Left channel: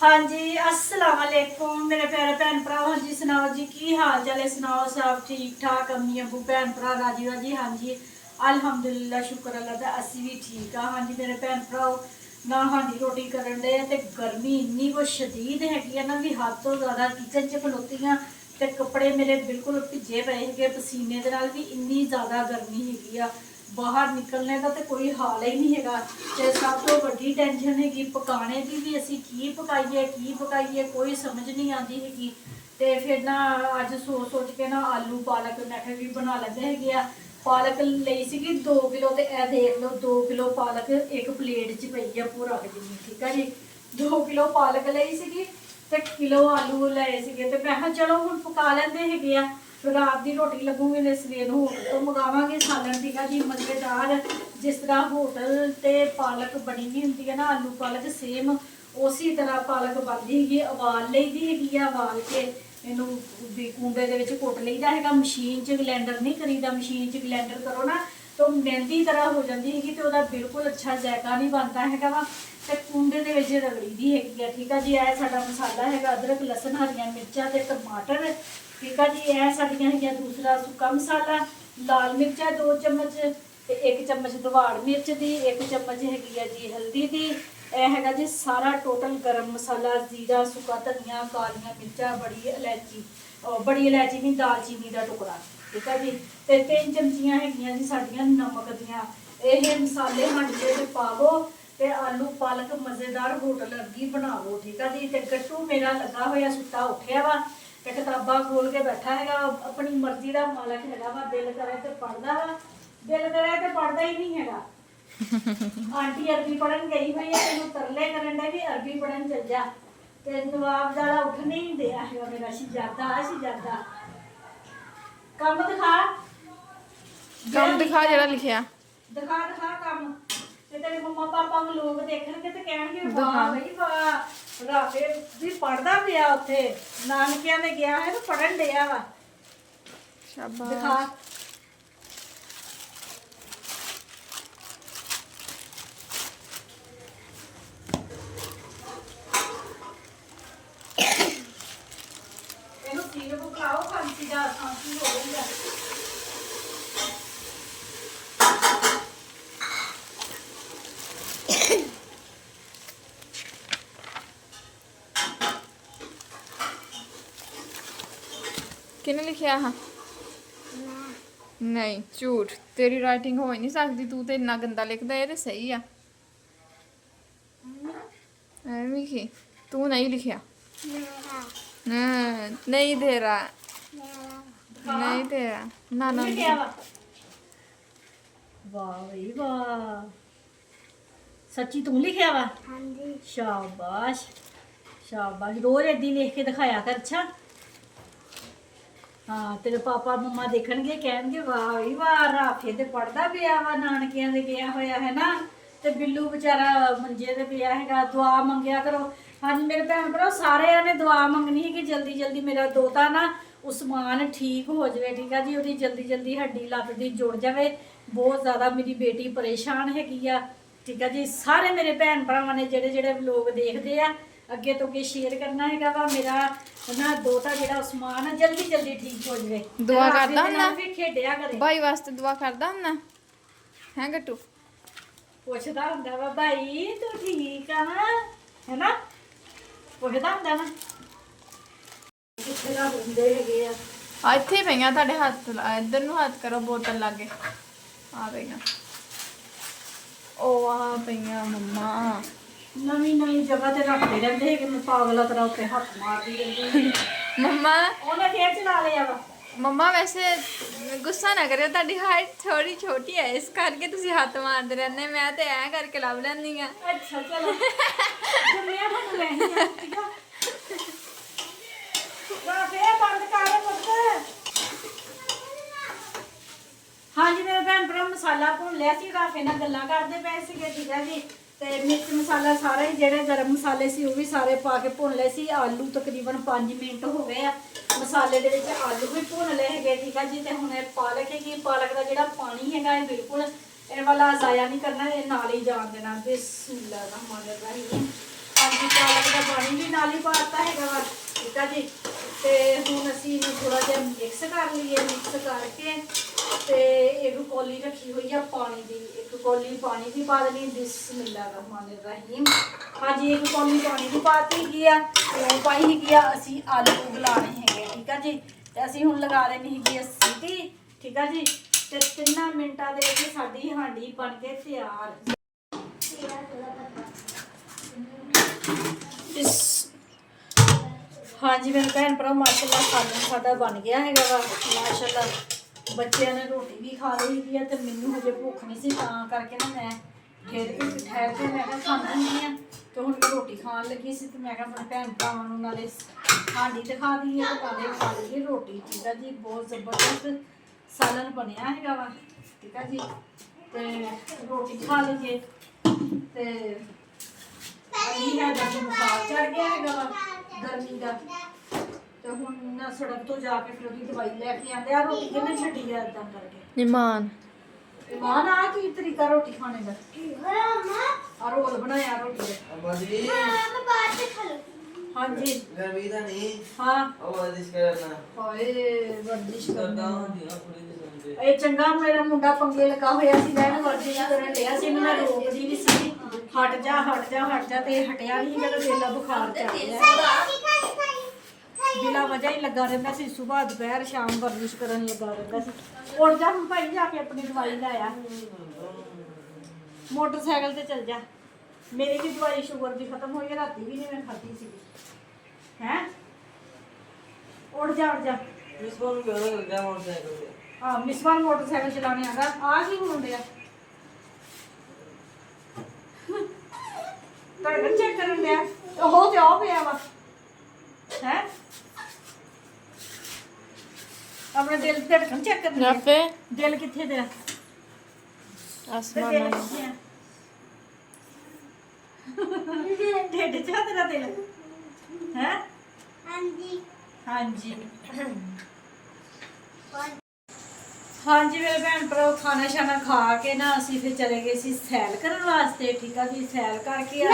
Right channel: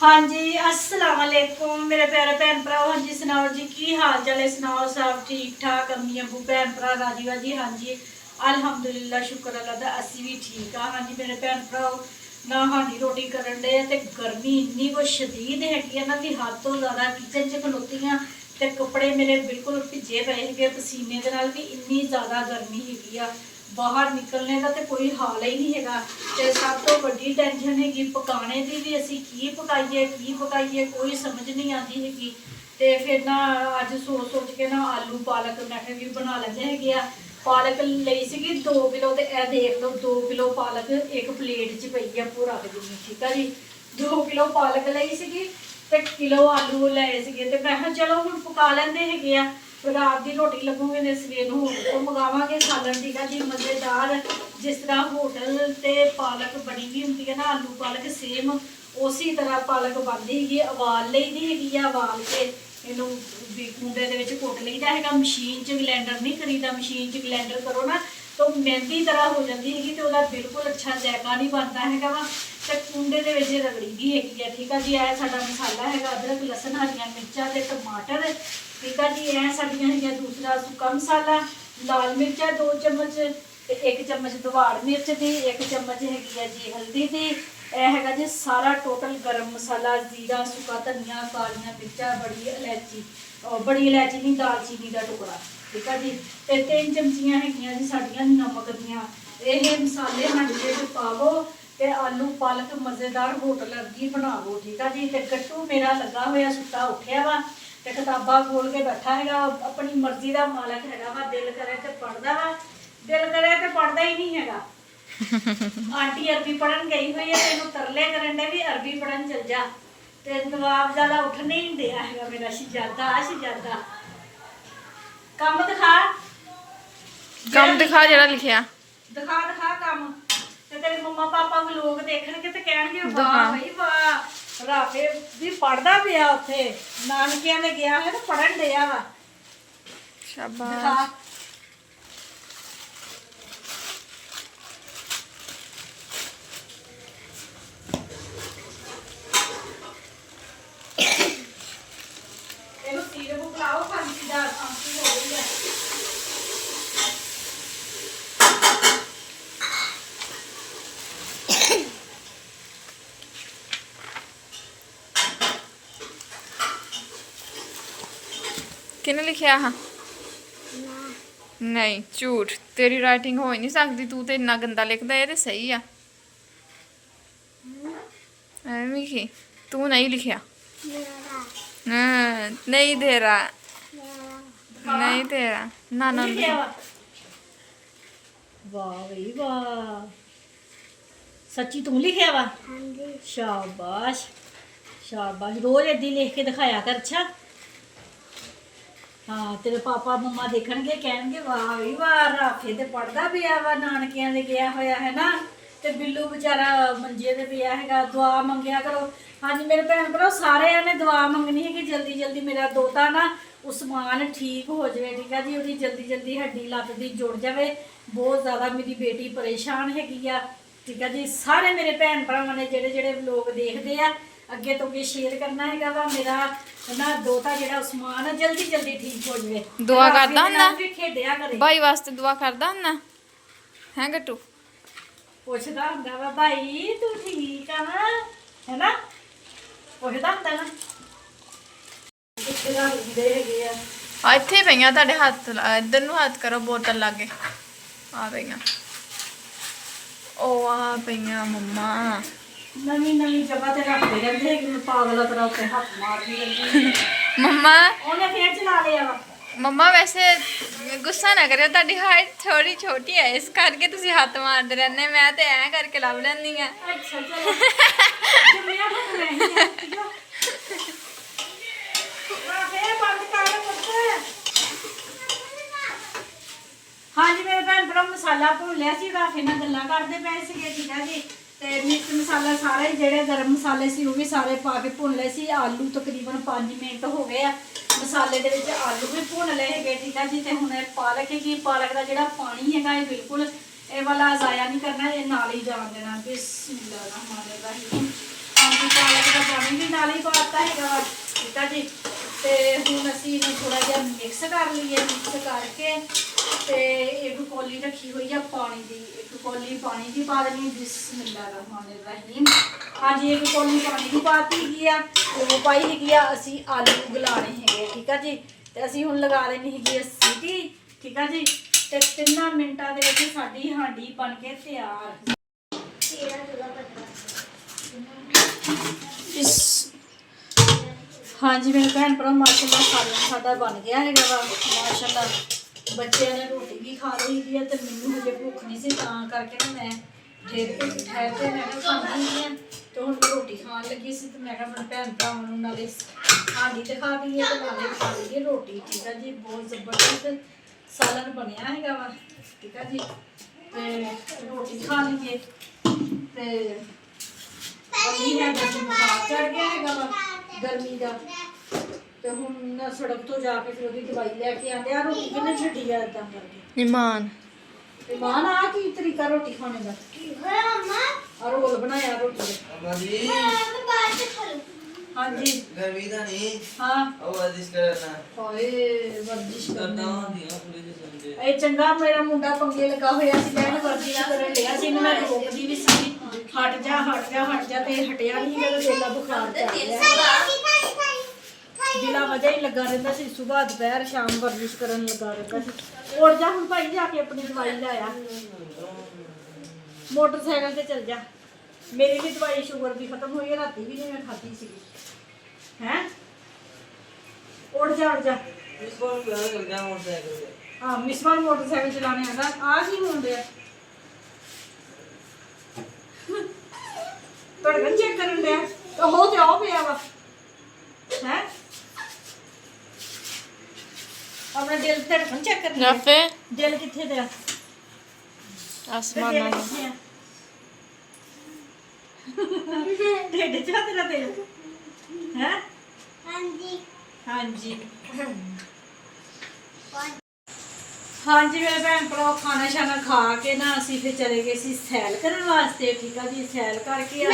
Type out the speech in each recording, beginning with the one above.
हाँ जी, अस्सलाम वालेकुम मेरे प्यारे भैन भरा। हाँ जी सुनाओ जी, की हाल चाल है? सुनाओ सब ठीक ठाक? अम्मी अबू भैन भरा राजी वाजी? हाँ जी अल्हम्दुलिल्लाह, शुक्र अल्लाह दा असी भी ठीक हाँ। हाँ जी मेरे भैन भराओ, ना हांडी रोटी करन डे ते गर्मी इन्नी को शदीद हैगी ना भी हद तो ज़्यादा किचन च खलोती हाँ ते कपड़े मेरे बिल्कुल भिजे पे है पसीने दे नाल भी इन्नी ज़्यादा गर्मी हैगी आ। बाहर निकलने का तो कोई हाल ही नहीं है। तो सब तो बड़ी टेंशन हैगी पकाने की भी, असी की पकाइए कोई समझ नहीं आती हैगी। तो फिर ना अज सोच सोच के ना आलू पालक मैं भी बना लेंदे हैगे आ। पालक लई सी 2 किलो, तो यह देख लो 2 किलो पालक एक प्लेट च पई है पूरा जिन्नी। ठीक है जी, 2 किलो पालक लई सी ते किलो आलू लाए थे। तो मैं चलो हम पका लेंदे हैगे आ, रात की रोटी लगूंगी तो सवेर होटल तो मंगावांगे सालन। ठीक है जी, मज़ेदार जिस तरह होटल ते पालक बनी हुई होंगी है ना, आलू पालक सेम उसी तरह पालक बनती हैगी। उबाल ली दी हैगी है, उबाल के इनू कूंडे दे विच कुट लईदा हैगा। मशीन च ग्लैंडर नहीं करीदा, मशीन च ग्लैंडर करो ना तो मेहंदी तरह हो जाती हैगी, तो वह बिल्कुल अच्छा जायका नहीं बनता हैगा वा। तो कूंडे दे विच रगड़ी दी हैगी है। ठीक है जी, यह साडा मसाला हैगा अदरक लसन हरियां मिर्चां ते टमाटर। ठीक है जी, यह साड़ियाँ है दूसरा सुक्का मसाला, लाल मिर्चा 2 चम्मच, 1 चम्मच दवाड़ मिर्च की, 1 चम्मच हैगी है जी हल्दी की। यह है जी सारा टोटल गरम मसाला, जीरा, सुक्का धनिया, कालियां मिर्चा, बड़ी इलायची, बड़ी इलायची नहीं दालचीनी का टुकड़ा। ठीक है जी, तो 3 चमचियाँ हैगियां जी साड़ियाँ नमक दियाँ। ये मसाले हांडे में पावो ते आलू पालक मज़ेदार होटल अरगी बनावो। ठीक है जी, तो गट्टू मेरा लगा हुआ सुता उठिया वा, किताबा खोल के बैठा है, अपनी मर्जी का मालक है वा। दिल करे तो पढ़ता वा, दिल करे तो पढ़ता ही नहीं है। आंटी अरबी पढ़न गई हुई है, तेन तरले करन दे भी अरबी पढ़न चल जा, ते नवाब ज़्यादा उठ नहीं दिया है मेरा शहजादा। कम दिखा, कम दिखा जरा लिखिया दिखा कम। ते तेरे मम्मा पापा को लोग देखणगे ते कहणगे वाह दिखा। भाई वाह, राफे भी पढ़दा पिया उत्थे नानकियां दे गया है तो पढ़न दिया वा। शाबाश। दिखा ਇਹਨੂੰ ਸੀਰਪ ਪਿਲਾਓ, ਖਾਂਸੀ ਹੋ ਗਈ ਹੈ। किने लिखिया हाँ? नहीं झूठ, तेरी राइटिंग हो ही नहीं सकती, तू तो इन्ना गंदा लिखदा। ये तो सही आ। एवें की तू नहीं लिखिया? नहीं दे रहा, नहीं दे रहा ना ना। लिखिਆ ਵਾ ਵਾਹ ਬਈ ਵਾਹ, ਸੱਚੀ ਤੂੰ ਲਿਖਿਆ ਵਾ? ਹਾਂਜੀ। ਸ਼ਾਬਾਸ਼ ਸ਼ਾਬਾਸ਼, ਰੋਜ਼ ਏਦਾਂ ਲਿਖ ਕੇ ਦਿਖਾਇਆ ਕਰ। ਅੱਛਾ ਹਾਂ, ਤੇਰੇ ਪਾਪਾ ਮੰਮਾ ਦੇਖਣਗੇ ਕਹਿਣਗੇ ਵਾਹ ਬਈ ਵਾਹ, ਰਾਫੇ ਤੇ ਪੜਦਾ ਪਿਆ ਵਾ, ਨਾਨਕਿਆਂ ਦੇ ਗਿਆ ਹੋਇਆ ਹੈ ਨਾ, ਤੇ ਬਿੱਲੂ ਵਿਚਾਰਾ ਮੰਜੇ ਤੇ ਪਿਆ ਹੈਗਾ। ਦੁਆ ਮੰਗਿਆ ਕਰੋ। ਹਾਂਜੀ ਮੇਰੇ ਭੈਣ ਭਰਾ, ਸਾਰਿਆਂ ਨੇ ਦੁਆ ਮੰਗਣੀ ਹੈ ਕਿ ਜਲਦੀ ਜਲਦੀ ਮੇਰਾ ਦੋਤਾ ਨਾ ਉਸਮਾਨ ਠੀਕ ਹੋ ਜਾਵੇ। ਠੀਕ ਹੈ ਜੀ, ਉਹਦੀ ਜਲਦੀ ਜਲਦੀ ਹੱਡੀ ਲੱਤ ਦੀ ਜੁੜ ਜਾਵੇ। ਬਹੁਤ ਜ਼ਿਆਦਾ ਮੇਰੀ ਬੇਟੀ ਪਰੇਸ਼ਾਨ ਹੈਗੀ ਆ। ਠੀਕ ਹੈ ਜੀ, ਸਾਰੇ ਮੇਰੇ ਭੈਣ ਭਰਾਵਾਂ ਨੇ ਜਿਹੜੇ ਲੋਕ ਦੇਖਦੇ ਆ ਅੱਗੇ ਤੋਂ ਅੱਗੇ ਸ਼ੇਅਰ ਕਰਨਾ ਹੈਗਾ ਵਾ, ਮੇਰਾ ਨਾ ਦੋਤਾ ਜਿਹੜਾ ਉਸਮਾਨ ਆ ਜਲਦੀ ਜਲਦੀ ਠੀਕ ਹੋ ਜਾਵੇ। दुआ करदा हुंदा ਖੇਡਿਆ ਕਰੇ, भाई वास्ते दुआ करदा हुंदा है गट्टू? ਪੁੱਛਦਾ ਹੁੰਦਾ ਵਾ ਭਾਈ ਤੂੰ ਠੀਕ ਆ ਹੈਨਾ, ਪੁੱਛਦਾ ਹੁੰਦਾ ਵਾ। ਕਿੱਥੇ ਦਾ ਹੁੰਦੇ ਹੈਗੇ ਆ। आ इत्थे पईयां तुहाडे हत्थ, इधर नु हत्थ करो बोतल लागे। आ पईयां, ओ आ पईयां मम्मा। ਨਵੀਂ ਜਗ੍ਹਾ ਤੇ ਰੱਖਦੇ ਰਹਿੰਦੇ ਹੈਗੇ, ਮੈਂ ਪਾਗਲਾ ਤਰ੍ਹਾਂ ਉੱਤੇ ਹੱਥ ਮਾਰਦੀ ਰਹਿੰਦੀ। मम्मा ਉਹਨੇ ਫੇਰ ਚਲਾ ਲਿਆ ਵਾ। मम्मा वैसे गुस्सा ना करियो, ਤੁਹਾਡੀ हाइट थोड़ी छोटी है इस करके ਤੁਸੀਂ ਹੱਥ ਮਾਰਦੇ ਰਹਿੰਦੇ। ਮੈਂ ਤੇ ਐ ਕਰਕੇ ਲੱਭ ਲੈਂਦੀ ਆ। ਅੱਛਾ ਚਲੋ ਜੁਮਿਆ ਤਾਂ ਮੈਂ ਹੀ ਆ। ਠੀਕ ਆ, ਫੇਰ ਬੰਦ ਕਰ ਬੱਚੇ। ਹਾਂਜੀ ਮੇਰੇ ਭੈਣ ਭਰਾ, ਮਸਾਲਾ ਭੁੰਨ ਲਿਆ ਸੀ, ਰਾਫੇ ਨਾਲ ਗੱਲਾਂ ਕਰਦੇ ਪਏ ਸੀਗੇ। ਠੀਕ ਹੈ ਜੀ, ਤੇ ਮਿਰਚ ਮਸਾਲਾ ਸਾਰਾ ਹੀ ਜਿਹੜੇ ਗਰਮ ਮਸਾਲੇ ਸੀ ਉਹ ਵੀ ਸਾਰੇ ਪਾ ਕੇ ਭੁੰਨ ਲਏ ਸੀ। ਆਲੂ ਤਕਰੀਬਨ 5 ਮਿੰਟ ਹੋ ਗਏ ਆ ਮਸਾਲੇ ਦੇ ਵਿੱਚ, ਆਲੂ ਵੀ ਭੁੰਨ ਲਏ ਹੈਗੇ। ਠੀਕ ਹੈ ਜੀ, ਤੇ ਹੁਣ ਇਹ ਪਾਲਕ ਦਾ ਜਿਹੜਾ ਪਾਣੀ ਹੈਗਾ ਇਹ ਬਿਲਕੁਲ ਇਹ ਵਾਲਾ ਜ਼ਾਇਆ ਨਹੀਂ ਕਰਨਾ, ਇਹ ਨਾਲ ਹੀ ਜਾਣ ਦੇਣਾ। ਬਿਸਮਿਲ੍ਲਾਹਿਰ ਰਹਿਮਾਨਿਰ ਰਹੀਮ। ਹਾਂਜੀ ਪਾਲਕ ਦਾ ਪਾਣੀ ਵੀ ਨਾਲ ਹੀ ਪਾਤਾ ਹੈਗਾ ਵਾ ਠੀਕ ਆ ਜੀ। ਤੇ ਹੁਣ ਅਸੀਂ ਇਹਨੂੰ ਥੋੜਾ ਜਿਹਾ ਮਿਕਸ ਕਰ ਲਈਏ। ਮਿਕਸ ਕਰਕੇ ਤੇ ਇੱਕ ਕੌਲੀ ਰੱਖੀ ਹੋਈ ਆ ਪਾਣੀ ਦੀ, ਇੱਕ ਕੌਲੀ ਪਾਣੀ ਦੀ ਪਾ ਦੇਣੀ। ਬਿਸਮਿਲ੍ਲਾਹਿਰਰਹਿਮਾਨਿਰਰਹੀਮ। ਹਾਂਜੀ ਇੱਕ ਕੌਲੀ ਪਾਣੀ ਦੀ ਪਾਤੀ ਹੈਗੀ ਆ। ਉਹ ਪਾਈ ਹੈਗੀ ਆ। ਅਸੀਂ ਆਲੂ ਉਗਲਾਣੇ ਹੈਗੇ ਆ ਠੀਕ ਆ ਜੀ। ਤੇ ਅਸੀਂ ਹੁਣ ਲਗਾ ਲੈਣੀ ਹੈਗੀ ਆ ਸੀਟੀ ਠੀਕ ਆ ਜੀ। ਤੇ 3 ਮਿੰਟਾਂ ਦੇ ਵਿੱਚ ਸਾਡੀ ਹਾਂਡੀ ਬਣ ਕੇ ਤਿਆਰ। ਹਾਂਜੀ ਮੇਰੇ ਭੈਣ ਭਰਾ ਮਾਸ਼ਾਅੱਲਾ ਖਾਣਾ ਸਾਡਾ ਬਣ ਗਿਆ ਹੈਗਾ ਵਾ ਮਾਸ਼ਾਅੱਲਾ। ਬੱਚਿਆਂ ਨੇ ਰੋਟੀ ਵੀ ਖਾ ਲਈ ਹੈਗੀ ਆ ਤੇ ਮੈਨੂੰ ਹਜੇ ਭੁੱਖ ਨਹੀਂ ਸੀ, ਤਾਂ ਕਰਕੇ ਨਾ ਮੈਂ ਠਹਿਰ ਕੇ ਮੈਂ ਕਿਹਾ ਖਾਂਦੀ ਨਹੀਂ ਆ। ਤੇ ਹੁਣ ਮੈਂ ਰੋਟੀ ਖਾਣ ਲੱਗੀ ਸੀ ਤੇ ਮੈਂ ਕਿਹਾ ਆਪਣੇ ਭੈਣ ਭਰਾਵਾਂ ਨੂੰ ਨਾਲੇ ਹਾਂਡੀ ਤੇ ਖਾ ਦਈਏ ਤੇ ਨਾਲੇ ਖਾ ਲਈਏ ਰੋਟੀ ਠੀਕ ਆ ਜੀ। ਬਹੁਤ ਜ਼ਬਰਦਸਤ ਸਾਲਨ ਬਣਿਆ ਹੈਗਾ ਵਾ ਠੀਕ ਆ ਜੀ। ਤੇ ਰੋਟੀ ਖਾ ਲਈਏ ਤੇ ਅभी है बस बुखार चढ़ गया है गर्मी का। ਤੇ ਹੁਣ ਨਾ ਸੜਕ ਤੋਂ ਜਾ ਕੇ ਫਿਰ ਉਹਦੀ ਦਵਾਈ ਲੈ ਕੇ ਆਂਦੇ ਆ। ਰੋਟੀ ਕਿੰਨੇ ਛੱਡੀ ਆ ਇਦਾਂ ਕਰਕੇ ਇਮਾਨ ਆ ਕੀ ਤਰੀਕਾ ਰੋਟੀ ਖਾਣੇ ਦਾ? ਕੀ ਹੋਇਆ ਮੰਮਾ? ਆ ਰੋਲ ਬਣਾਇਆ ਰੋਟੀ ਦੇ। अम्मा जी ਮੈਂ ਬਾਅਦ ਚ ਖਾ ਲੂੰ। ਹਾਂਜੀ गर्मी था नहीं ਹਾਂ अब वर्जिश करना ਹਾਏ ਵਰਜਿਸ਼ करना ਕਰਨਾ होती है पूरी समझे ਇਹ ਚੰਗਾ ਮੇਰਾ ਮੁੰਡਾ ਪੰਗੇ ਲੱਗਾ ਹੋਇਆ ਸੀ ਲੈਣ ਵਰਜਿਸ਼ ਕਰਨ ਲਿਆ ਸੀ। ਇਹਨੂੰ ਮੈਂ ਰੋਕਦੀ ਵੀ ਸੀ ਹਟ ਜਾ ਤੇ ਹਟਿਆ ਨਹੀਂ ਮੇਰਾ ਦਿਲ ਬੁਖਾਰ ਚੜ ਗਿਆ। ਬਿਲਾ ਵਜ੍ਹਾ ਹੀ ਲੱਗਾ ਰਹਿੰਦਾ ਸੀ। ਸਵੇਰ ਦੁਪਹਿਰ ਸ਼ਾਮ ਵਰਜਿਸ਼ ਕਰਨ ਲੱਗਾ ਰਹਿੰਦਾ ਸੀ। ਉੱਠ ਜਾ ਹੁਣ ਭਾਈ ਜਾ ਕੇ ਆਪਣੀ ਦਵਾਈ ਲੈ ਆ। ਮੋਟਰਸਾਈਕਲ ਤੇ ਚੱਲ ਜਾ। ਮੇਰੀ ਵੀ ਦਵਾਈ ਸ਼ੂਗਰ ਦੀ ਖਤਮ ਹੋਈ ਹੈ। ਰਾਤੀ ਵੀ ਨਹੀਂ ਮੈਂ ਖਾਧੀ ਸੀਗੀ ਹੈ। ਉੱਠ ਜਾ इसको भी घर लग गया मोटरसाइकिल पे ਹਾਂ ਮਿਸਵਾਨ ਮੋਟਰਸਾਈਕਲ ਚਲਾਣੇ ਆਂਦਾ। ਆ ਕੀ ਹੋਣ ਡਿਆ? ਧੜਕਣ ਚੈੱਕ ਕਰਨ ਡਿਆ। ਉਹ ਤੇ ਆਉ ਪਿਆ ਵਾ ਹੈ। ਆਪਣਾ ਦਿਲ ਧੜਕਣ ਚੈੱਕ ਕਰਨ ਡਿਆ। ਰਾਫੇ ਦਿਲ ਕਿੱਥੇ ਤੇ ਆ? ਆਸਮਾਨ ਦਿਲ ਨਾਲ ਕਿੱਥੇ ਆ? ਢਿੱਡ ਚ ਆ ਤੇਰਾ ਦਿਲ ਹੈ? ਹਾਂਜੀ ਹਾਂਜੀ ਹਾਂਜੀ ਮੇਰੇ ਭੈਣ ਭਰਾ ਖਾਣਾ ਸ਼ਾਨਾ ਖਾ ਕੇ ਨਾ ਅਸੀਂ ਫਿਰ ਚਲੇ ਗਏ ਸੀ ਸੈਲ ਕਰਨ ਵਾਸਤੇ ਠੀਕ ਆ ਜੀ। ਸੈਲ ਕਰਕੇ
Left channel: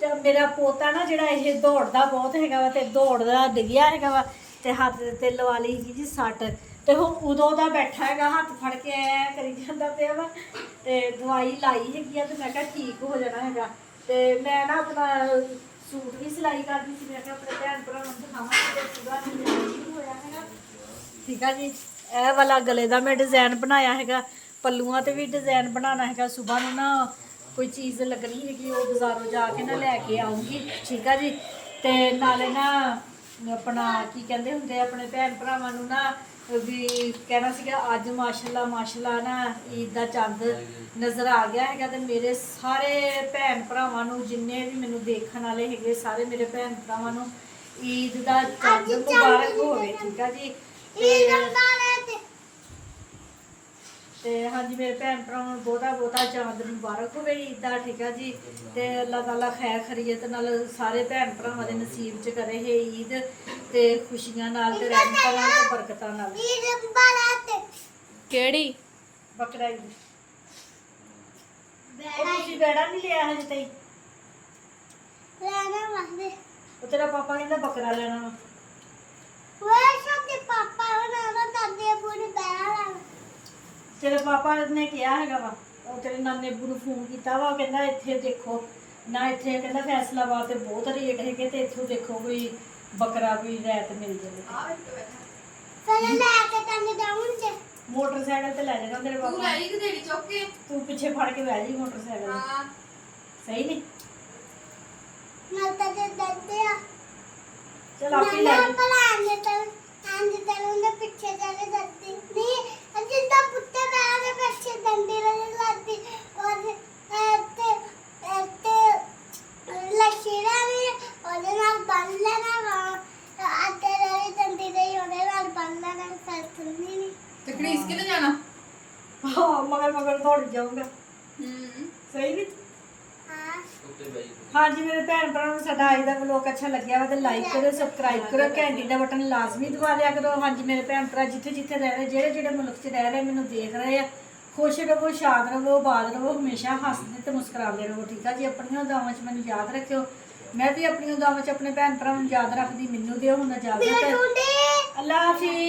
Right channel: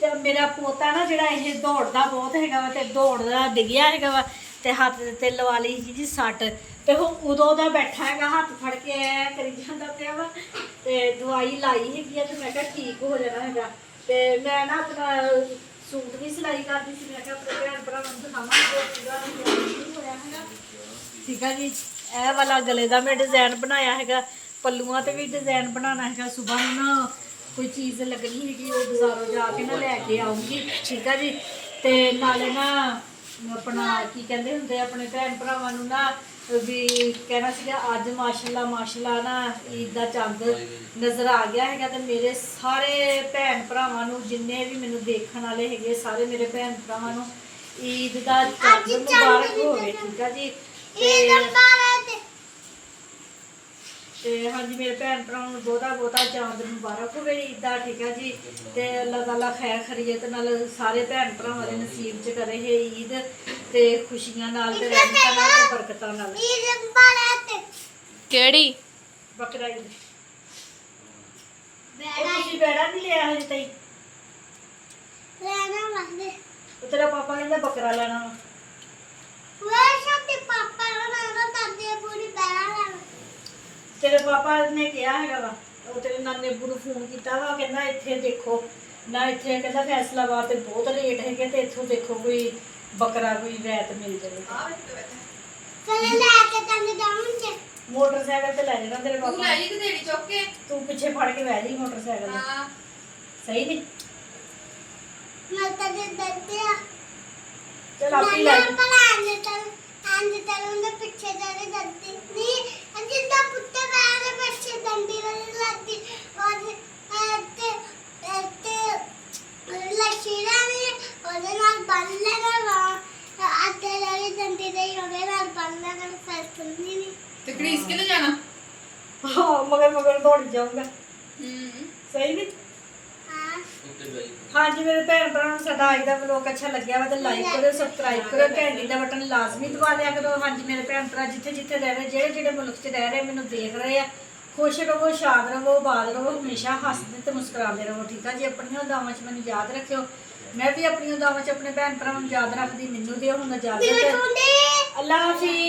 ਤੇ ਮੇਰਾ ਪੋਤਾ ਨਾ ਜਿਹੜਾ ਇਹ ਦੌੜਦਾ ਬਹੁਤ ਹੈਗਾ ਵਾ ਤੇ ਦੌੜਦਾ ਡਿੱਗਿਆ ਹੈਗਾ ਵਾ ਤੇ ਹੱਥ ਤੇ ਲਵਾ ਲਈ ਜੀ ਸੱਟ। ਤੇ ਉਹ ਉਦੋਂ ਦਾ ਬੈਠਾ ਹੈਗਾ ਹੱਥ ਫੜ ਕੇ ਐ ਕਰੀ ਜਾਂਦਾ ਪਿਆ ਵਾ। ਤੇ ਦਵਾਈ ਲਾਈ ਹੈਗੀ ਆ ਤੇ ਮੈਂ ਕਿਹਾ ਠੀਕ ਹੋ ਜਾਣਾ ਹੈਗਾ। ਤੇ ਮੈਂ ਨਾ ਆਪਣਾ ਸੂਟ ਵੀ ਸਿਲਾਈ ਕਰਦੀ ਸੀ। ਮੈਂ ਕਿਹਾ ਆਪਣੇ ਭੈਣ ਭਰਾਵਾਂ ਨੂੰ ਦਿਖਾਵਾਂਗੇ ਪੂਰਾ ਨਹੀਂ ਹੋਇਆ ਹੈਗਾ ਠੀਕ ਆ ਜੀ। ਇਹ ਵਾਲਾ ਗਲੇ ਦਾ ਮੈਂ ਡਿਜ਼ਾਈਨ ਬਣਾਇਆ ਹੈਗਾ। ਪੱਲੂਆਂ ਤੇ ਵੀ ਡਿਜ਼ਾਈਨ ਬਣਾਉਣਾ ਹੈਗਾ। ਸੁਬਾਹ ਨੂੰ ਨਾ ਕੋਈ ਚੀਜ਼ ਲੱਗਣੀ ਹੈਗੀ ਉਹ ਬਾਜ਼ਾਰੋਂ ਜਾ ਕੇ ਨਾ ਲੈ ਕੇ ਆਉਂਗੀ ਠੀਕ ਆ ਜੀ। ਤੇ ਨਾਲੇ ਨਾ ਆਪਣਾ ਕੀ ਕਹਿੰਦੇ ਹੁੰਦੇ ਆਪਣੇ ਭੈਣ ਭਰਾਵਾਂ ਨੂੰ ਨਾ ਵੀ ਕਹਿਣਾ ਸੀਗਾ ਅੱਜ ਮਾਸ਼ਾਅੱਲਾ ਨਾ ਈਦ ਦਾ ਚੰਦ ਨਜ਼ਰ ਆ ਗਿਆ ਹੈਗਾ। ਤੇ ਮੇਰੇ ਸਾਰੇ ਭੈਣ ਭਰਾਵਾਂ ਨੂੰ ਜਿੰਨੇ ਵੀ ਮੈਨੂੰ ਦੇਖਣ ਵਾਲੇ ਹੈਗੇ ਸਾਰੇ ਮੇਰੇ ਭੈਣ ਭਰਾਵਾਂ ਨੂੰ ਈਦ ਦਾ ਚੰਦ ਮੁਬਾਰਕ ਹੋਵੇ ਠੀਕ ਆ ਜੀ। ਤੇ ਹਾਂਜੀ ਮੇਰੇ ਭੈਣ ਭਰਾਵਾਂ ਨੂੰ ਬਹੁਤਾ ਚਾਂਦ ਮੁਬਾਰਕ ਹੋਵੇ ਈਦ ਦਾ ਠੀਕ ਆ ਜੀ। ਤੇ ਅੱਲਾਹ ਤਾਲਾ ਖੈਰ ਖਰੀਅਤ ਨਾਲ ਸਾਰੇ ਭੈਣ ਭਰਾਵਾਂ ਦੇ ਨਸੀਬ 'ਚ ਕਰੇ ਇਹ ਈਦ ਤੇ ਖੁਸ਼ੀਆਂ ਨਾਲ ਤੇ ਰਹਿਮਤਾਂ ਨਾਲ ਤੇ ਬਰਕਤਾਂ ਨਾਲ। ਕਿਹੜੀ ਬਕਰਾ ਈਦ ਤੁਸੀਂ ਬੈੜਾ ਨਹੀਂ ਲਿਆ ਹਜੇ ਤਾਈ? ਤੇਰਾ ਪਾਪਾ ਕਹਿੰਦਾ ਬੱਕਰਾ ਲੈਣਾ ਵਾ। ਤੇਰੇ ਪਾਪਾ ਨੇ ਕਿਹਾ ਹੈਗਾ ਵਾ ਉਹ ਤੇਰੇ ਨਾਨੇ ਅੱਬੂ ਨੂੰ ਫੋਨ ਕੀਤਾ ਵਾ। ਉਹ ਕਹਿੰਦਾ ਇੱਥੇ ਦੇਖੋ ਨਾ ਇੱਥੇ ਕਹਿੰਦਾ ਫੈਸਲਾਬਾਦ ਤੇ ਬਹੁਤ ਰੇਟ ਹੈਗੇ ਤੇ ਇੱਥੋਂ ਦੇਖੋ ਕੋਈ ਬੱਕਰਾ ਕੋਈ ਰੈਤ ਮਿਲ ਜਾਵੇ। ਮੋਟਰਸਾਈਕਲ ਤੇ ਲੈ ਜਾਣਾ ਤੇਰੇ ਪਾਪਾ। ਤੂੰ ਪਿੱਛੇ ਫੜ ਕੇ ਬਹਿ ਜੀ ਮੋਟਰਸਾਈਕਲ ਤੇ। ਸਹੀ ਨਹੀਂ ਚਲ ਆਪੀ ਲੈ ਜੀ। ਤੇ ਕ੍ਰੀਸ ਕਿੱਥੇ ਜਾਣਾ? ਹਾਂ ਮਗਰ ਦੌੜ ਜਾਊਗਾ। ਸਹੀ ਨਹੀਂ ਹਾਂਜੀ ਮੇਰੇ ਭੈਣ ਭਰਾਵਾਂ ਨੂੰ ਸਾਡਾ ਅੱਜ ਦਾ ਵਲੋਗ ਅੱਛਾ ਲੱਗਿਆ ਵਾ ਤਾਂ ਲਾਈਕ ਕਰੋ ਸਬਸਕ੍ਰਾਈਬ ਕਰੋ ਘੰਟੀ ਦਾ ਬਟਨ ਲਾਜ਼ਮੀ ਦਬਾ ਲਿਆ ਕਰੋ। ਹਾਂਜੀ ਮੇਰੇ ਭੈਣ ਭਰਾ ਜਿੱਥੇ ਰਹਿ ਰਹੇ ਜਿਹੜੇ ਮੁਲਕ 'ਚ ਰਹਿ ਰਹੇ ਮੈਨੂੰ ਦੇਖ ਰਹੇ ਆ ਖੁਸ਼ ਰਹੋ, ਸ਼ਾਦ ਰਹੋ, ਆਬਾਦ ਰਹੋ, ਹਮੇਸ਼ਾ ਹੱਸਦੇ ਤੇ ਮੁਸਕਰਾਉਂਦੇ ਰਹੋ। ਠੀਕ ਆ ਜੀ। ਆਪਣੀਆਂ ਦੁਆਵਾਂ 'ਚ ਮੈਨੂੰ ਯਾਦ ਰੱਖਿਓ। ਮੈਂ ਵੀ ਆਪਣੀਆਂ ਦੁਆਵਾਂ 'ਚ ਆਪਣੇ ਭੈਣ ਭਰਾਵਾਂ ਨੂੰ ਯਾਦ ਰੱਖਦੀ। ਮੈਨੂੰ ਦਿਓ ਹੁਣ ਇਜਾਜ਼ਤ। ਅੱਲਾ ਹਾਫਿਜ਼।